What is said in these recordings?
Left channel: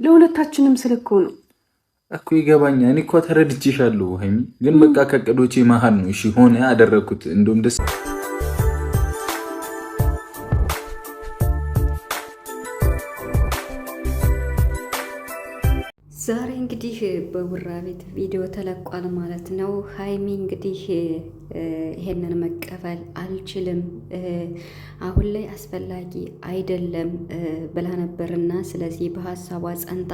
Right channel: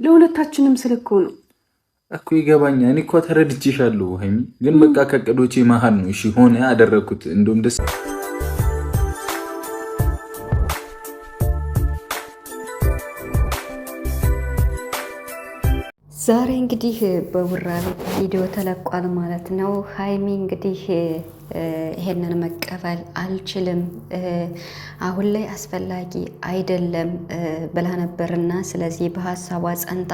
ለሁለታችንም ስልክ ነው እኮ ይገባኛል። እኔ እኮ ተረድቼሻለሁ ሀይሚ፣ ግን በቃ ከቅዶቼ መሀል ነው። እሺ ሆነ አደረኩት። እንደውም ደስ ዛሬ እንግዲህ በቡራ ቤት ቪዲዮ ተለቋል ማለት ነው። ሀይሚ እንግዲህ ይሄንን መቀበል አልችልም፣ አሁን ላይ አስፈላጊ አይደለም ብላ ነበርና ስለዚህ በሀሳቧ ጸንታ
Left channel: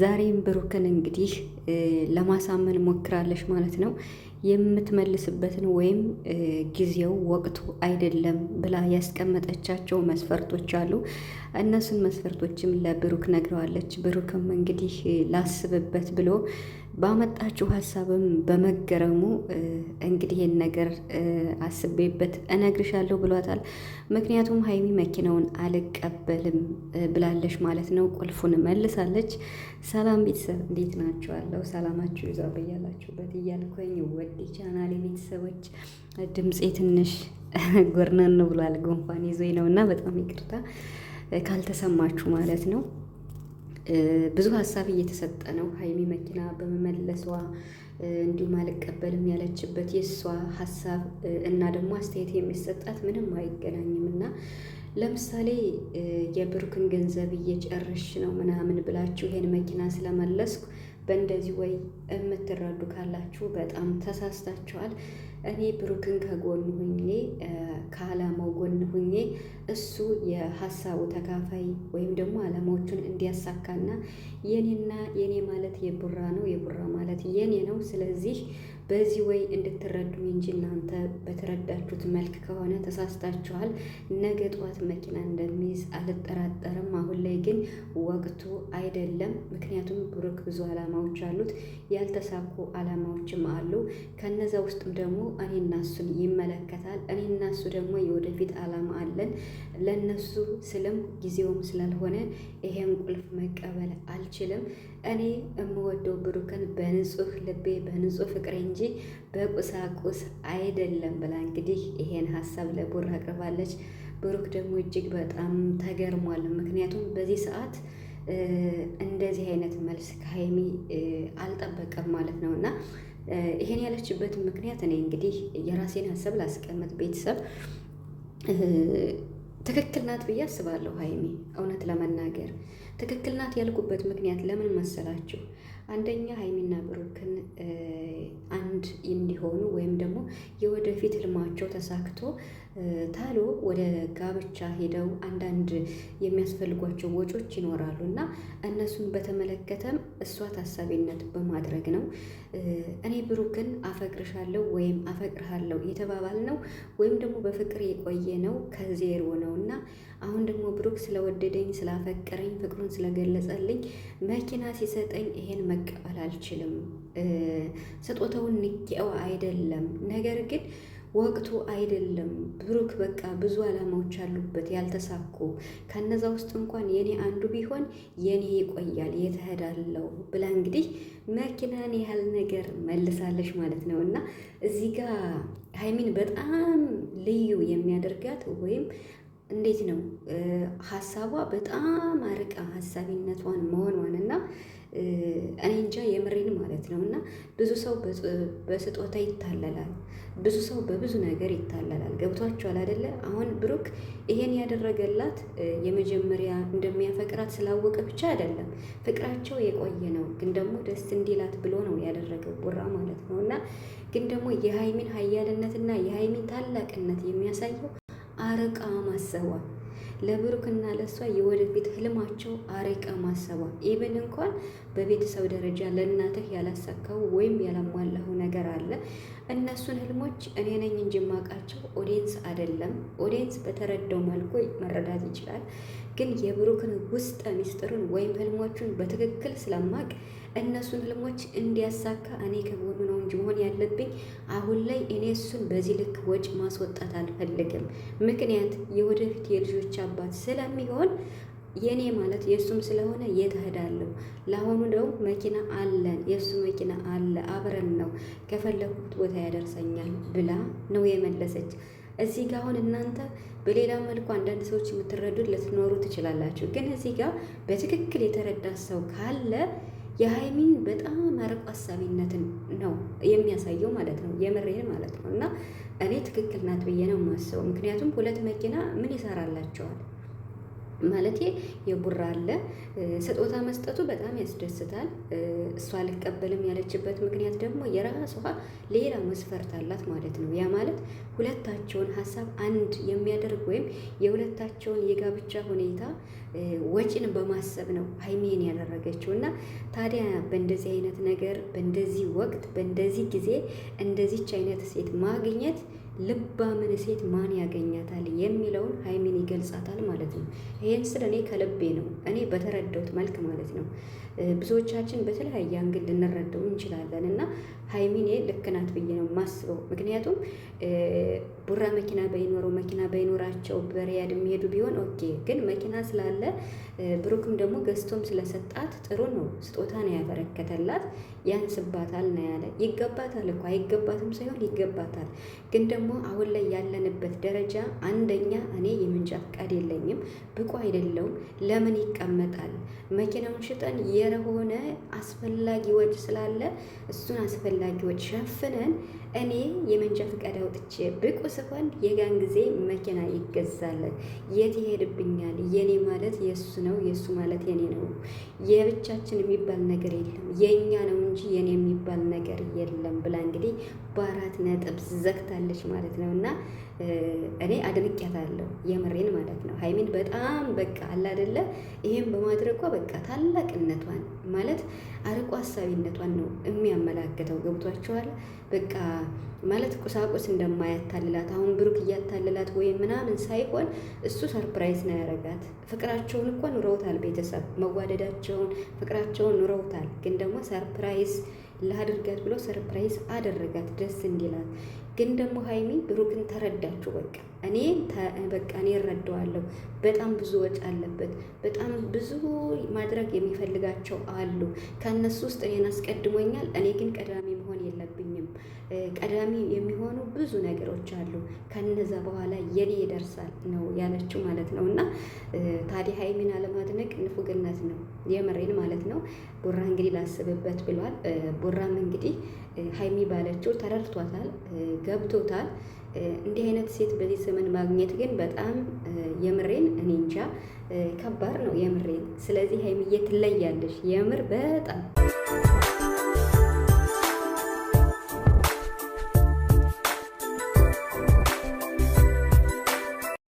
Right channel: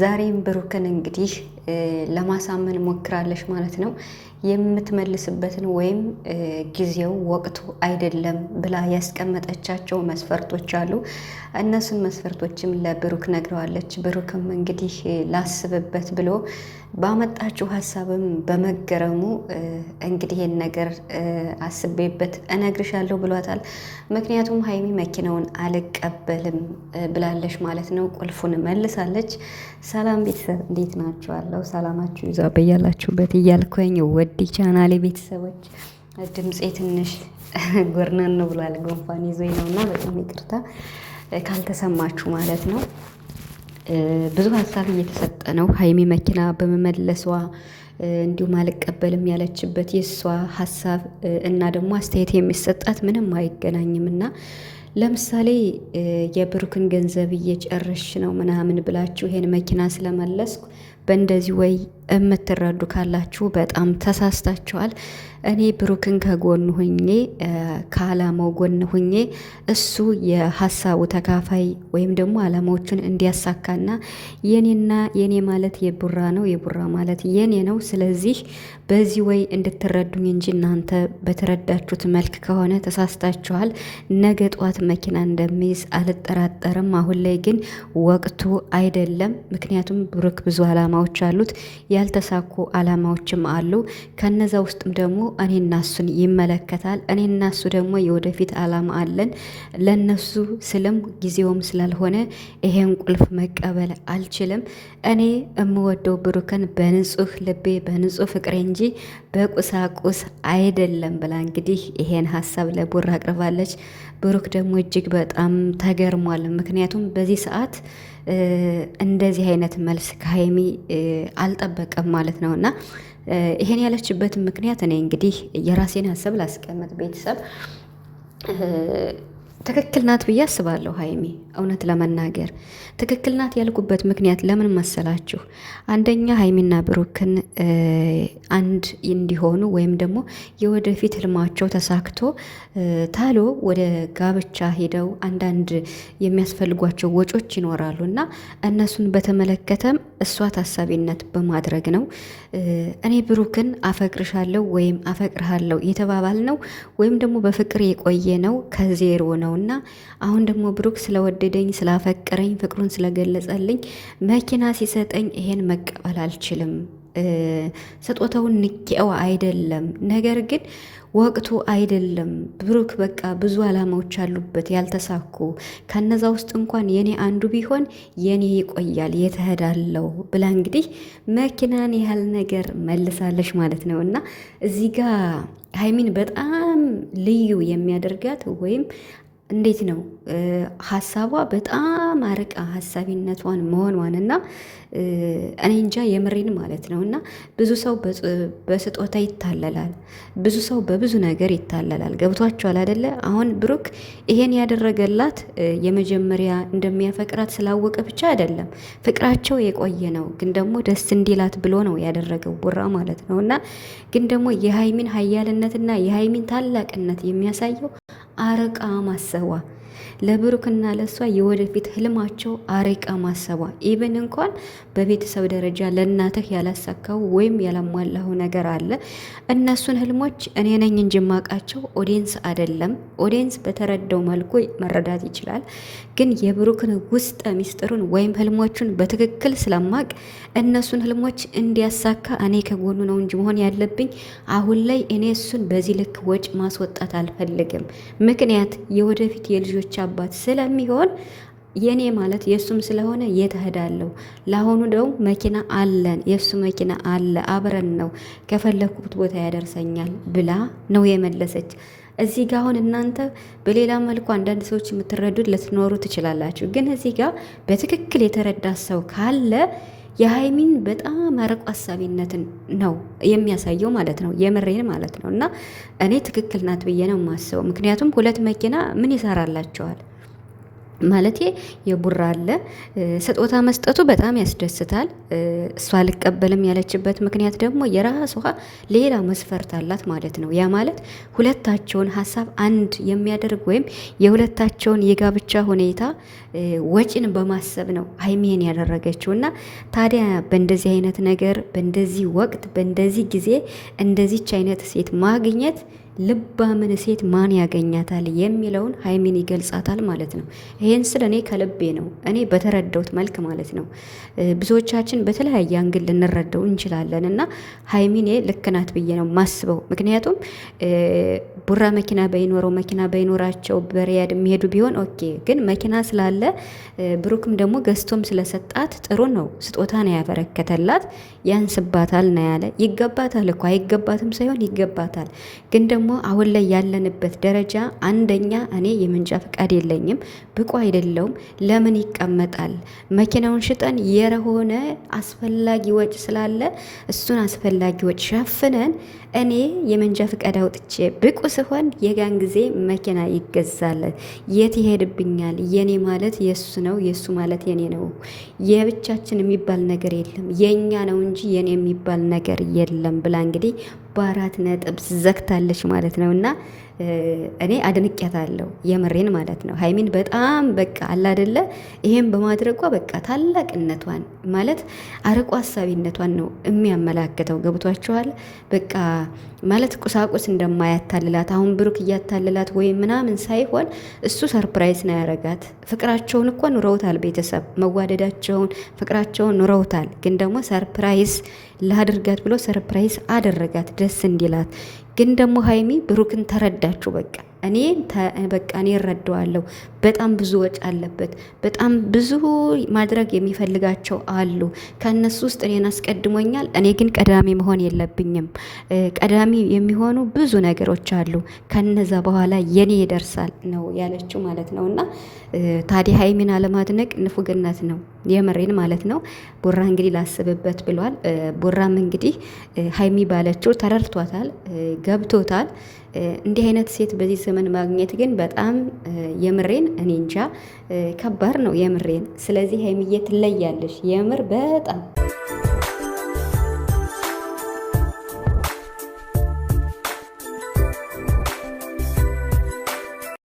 ዛሬም ብሩክን እንግዲህ ለማሳመን ሞክራለች ማለት ነው። የምትመልስበትን ወይም ጊዜው ወቅቱ አይደለም ብላ ያስቀመጠቻቸው መስፈርቶች አሉ። እነሱን መስፈርቶችም ለብሩክ ነግረዋለች። ብሩክም እንግዲህ ላስብበት ብሎ ባመጣችው ሀሳብም በመገረሙ እንግዲህ ይህን ነገር አስቤበት እነግርሻለሁ ብሏታል። ምክንያቱም ሀይሚ መኪናውን አልቀበልም ብላለች ማለት ነው። ቁልፉን መልሳለች። ሰላም ቤተሰብ እንዴት ናችኋለሁ? ሰላማችሁ ይዛ በያላችሁበት እያልኩኝ ወዲ ቻናሌ ቤተሰቦች ድምፄ ትንሽ ጎርነን ነው ብሏል። ጉንፋን ይዞኝ ነው እና በጣም ይቅርታ ካልተሰማችሁ ማለት ነው። ብዙ ሀሳብ እየተሰጠ ነው። ሀይሚ መኪና በመመለሷ እንዲሁም አልቀበልም ያለችበት የእሷ ሀሳብ እና ደግሞ አስተያየት የሚሰጣት ምንም አይገናኝም እና ለምሳሌ የብሩክን ገንዘብ እየጨረሽ ነው ምናምን ብላችሁ ይሄን መኪና ስለመለስኩ በእንደዚህ ወይ የምትረዱ ካላችሁ በጣም ተሳስታችኋል። እኔ ብሩክን ከጎን ሁኜ ከአላማው ጎን ሁኜ እሱ የሀሳቡ ተካፋይ ወይም ደግሞ አላማዎቹን እንዲያሳካና የኔና የኔ ማለት የቡራ ነው፣ የቡራ ማለት የኔ ነው። ስለዚህ በዚህ ወይ እንድትረዱኝ እንጂ እናንተ በተረዳችሁት መልክ ከሆነ ተሳስታችኋል። ነገ ጠዋት መኪና እንደሚይዝ አልጠራጠርም። አሁን ላይ ግን ወቅቱ አይደለም። ምክንያቱም ብሩክ ብዙ አላማዎች አሉት፣ ያልተሳኩ አላማዎችም አሉ። ከነዛ ውስጥም ደግሞ እኔና እሱን ይመለከታል። እኔና እሱ ደግሞ የወደፊት አላማ አለን። ለነሱ ስልም ጊዜውም ስላልሆነ ይሄን ቁልፍ መቀበል አልችልም። እኔ የምወደው ብሩክን በንጹህ ልቤ በንጹህ ፍቅሬ እንጂ በቁሳቁስ አይደለም ብላ እንግዲህ ይሄን ሀሳብ ለቡራ አቅርባለች። ብሩክ ደግሞ እጅግ በጣም ተገርሟል። ምክንያቱም በዚህ ሰዓት እንደዚህ አይነት መልስ ከሀይሚ አልጠበቀም ማለት ነው እና ይሄን ያለችበትን ምክንያት እኔ እንግዲህ የራሴን ሀሳብ ላስቀምጥ። ቤተሰብ ትክክል ናት ብዬ አስባለሁ። ሀይሚ እውነት ለመናገር ትክክል ናት ያልኩበት ምክንያት ለምን መሰላችሁ? አንደኛ ሀይሚና ብሩክን አንድ እንዲሆኑ ወይም ደግሞ የወደፊት ህልማቸው ተሳክቶ ታሎ ወደ ጋብቻ ሄደው አንዳንድ የሚያስፈልጓቸው ወጮች ይኖራሉ እና እነሱን በተመለከተም እሷ ታሳቢነት በማድረግ ነው። እኔ ብሩክን አፈቅርሻለሁ ወይም አፈቅርሃለሁ የተባባል ነው ወይም ደግሞ በፍቅር የቆየ ነው ከዜሮ ነው እና አሁን ደግሞ ብሩክ ስለወደደኝ ስላፈቀረኝ ፍቅሩን ስለገለጸልኝ መኪና ሲሰጠኝ ይሄን መቀበል አልችልም። ስጦታውን ንቄው አይደለም፣ ነገር ግን ወቅቱ አይደለም። ብሩክ በቃ ብዙ አላማዎች አሉበት ያልተሳኩ። ከነዛ ውስጥ እንኳን የኔ አንዱ ቢሆን የኔ ይቆያል የተሄዳለው ብላ እንግዲህ መኪናን ያህል ነገር መልሳለች ማለት ነው እና እዚህ ጋር ሀይሚን በጣም ልዩ የሚያደርጋት ወይም እንዴት ነው ሀሳቧ በጣም አርቃ ሀሳቢነቷን መሆኗን እና እኔ እንጃ የምሬን ማለት ነው እና ብዙ ሰው በስጦታ ይታለላል፣ ብዙ ሰው በብዙ ነገር ይታለላል። ገብቷቸዋል አይደለ? አሁን ብሩክ ይሄን ያደረገላት የመጀመሪያ እንደሚያፈቅራት ስላወቀ ብቻ አይደለም፣ ፍቅራቸው የቆየ ነው። ግን ደግሞ ደስ እንዲላት ብሎ ነው ያደረገው ቡራ ማለት ነው እና ግን ደግሞ የሀይሚን ሀያልነትና የሀይሚን ታላቅነት የሚያሳየው አርቃ ማሰቧ፣ ለብሩክና ለሷ የወደፊት ህልማቸው አርቃ ማሰቧ። ኢቨን እንኳን በቤተሰብ ደረጃ ለእናትህ ያላሳካው ወይም ያላሟላው ነገር አለ። እነሱን ህልሞች እኔ ነኝ እንጂ ማቃቸው ኦዲየንስ አይደለም። ኦዲየንስ በተረዳው መልኩ መረዳት ይችላል። ግን የብሩክን ውስጥ ሚስጥሩን ወይም ህልሞቹን በትክክል ስለማቅ እነሱን ህልሞች እንዲያሳካ እኔ ከጎኑ ነው እንጂ መሆን ያለብኝ። አሁን ላይ እኔ እሱን በዚህ ልክ ወጭ ማስወጣት አልፈልግም። ምክንያት የወደፊት የልጆች አባት ስለሚሆን የኔ ማለት የእሱም ስለሆነ የት እሄዳለሁ? ለአሁኑ ደግሞ መኪና አለን፣ የእሱ መኪና አለ፣ አብረን ነው ከፈለኩት ቦታ ያደርሰኛል ብላ ነው የመለሰች። እዚህ ጋር አሁን እናንተ በሌላ መልኩ አንዳንድ ሰዎች የምትረዱት ልትኖሩ ትችላላችሁ። ግን እዚህ ጋር በትክክል የተረዳ ሰው ካለ የሀይሚን በጣም አርቆ አሳቢነትን ነው የሚያሳየው ማለት ነው። የምሬን ማለት ነው። እና እኔ ትክክል ናት ብዬ ነው የማስበው። ምክንያቱም 2 መኪና ምን ይሰራላቸዋል? ማለቴ የቡራ አለ ስጦታ መስጠቱ በጣም ያስደስታል። እሷ አልቀበልም ያለችበት ምክንያት ደግሞ የራሷ ሌላ መስፈርት አላት ማለት ነው። ያ ማለት ሁለታቸውን ሀሳብ አንድ የሚያደርግ ወይም የሁለታቸውን የጋብቻ ሁኔታ ወጪን በማሰብ ነው ሀይሚን ያደረገችው። እና ታዲያ በእንደዚህ አይነት ነገር በእንደዚህ ወቅት በእንደዚህ ጊዜ እንደዚች አይነት ሴት ማግኘት ልባምን ሴት ማን ያገኛታል የሚለውን ሀይሚን ይገልጻታል ማለት ነው። ይሄን ስለ እኔ ከልቤ ነው እኔ በተረዳሁት መልክ ማለት ነው። ብዙዎቻችን በተለያየ አንግል ልንረዳው እንችላለን እና ሀይሚን ልክ ናት ብዬ ነው ማስበው። ምክንያቱም ቡራ መኪና በይኖራቸው በሪያድ የሚሄዱ ቢሆን ኦኬ፣ ግን መኪና ስላለ ብሩክም ደግሞ ገዝቶም ስለሰጣት ጥሩ ነው። ስጦታ ነው ያበረከተላት። ያንስባታል ነው ያለ። ይገባታል እኮ አይገባትም ሳይሆን ይገባታል። ግን ደግሞ አሁን ላይ ያለንበት ደረጃ አንደኛ እኔ የመንጃ ፈቃድ የለኝም፣ ብቁ አይደለውም። ለምን ይቀመጣል? መኪናውን ሽጠን የሆነ አስፈላጊ ወጪ ስላለ እሱን አስፈላጊ ወጪ ሸፍነን እኔ የመንጃ ፈቃድ አውጥቼ ብቁ ስሆን የጋን ጊዜ መኪና ይገዛል። የት ይሄድብኛል? የኔ ማለት የሱ ነው፣ የሱ ማለት የኔ ነው። የብቻችን የሚባል ነገር የለም፣ የኛ ነው እንጂ የኔ የሚባል ነገር የለም ብላ እንግዲህ በ4 ነጥብ ዘግታለች ማለት ነው። እና እኔ አድንቄያታለሁ የምሬን ማለት ነው። ሀይሚን በጣም በቃ አላደለ ይሄን በማድረጓ በቃ ታላቅነቷን ማለት አርቆ ሀሳቢነቷን ነው የሚያመላክተው። ገብቷችኋል? በቃ ማለት ቁሳቁስ እንደማያታልላት አሁን ብሩክ እያታልላት ወይም ምናምን ሳይሆን እሱ ሰርፕራይዝ ነው ያረጋት። ፍቅራቸውን እኮ ኑረውታል፣ ቤተሰብ መዋደዳቸውን ፍቅራቸውን ኑረውታል። ግን ደግሞ ሰርፕራይዝ ላድርጋት ብሎ ሰርፕራይዝ አደረጋት ደስ እንዲላት። ግን ደግሞ ሀይሚ ብሩክን ተረዳችሁ። በቃ እኔ እረዳዋለሁ። በጣም ብዙ ወጪ አለበት። በጣም ብዙ ማድረግ የሚፈልጋቸው አሉ። ከእነሱ ውስጥ እኔን አስቀድሞኛል። እኔ ግን ቀዳሚ መሆን የለብኝም። ቀዳሚ የሚሆኑ ብዙ ነገሮች አሉ። ከነዛ በኋላ የኔ ይደርሳል ነው ያለችው ማለት ነው። እና ታዲያ ሀይሚን አለማድነቅ ንፉግነት ነው፣ የምሬን ማለት ነው። ቡራ እንግዲህ ላስብበት ብሏል። ቡራም እንግዲህ ሀይሚ ባለችው ተረድቷታል፣ ገብቶታል። እንዲህ አይነት ሴት በዚህ ዘመን ማግኘት ግን በጣም የምሬን እኔ እንጃ ከባድ ነው የምሬን። ስለዚህ ሀይሚዬ ትለያለሽ የምር በጣም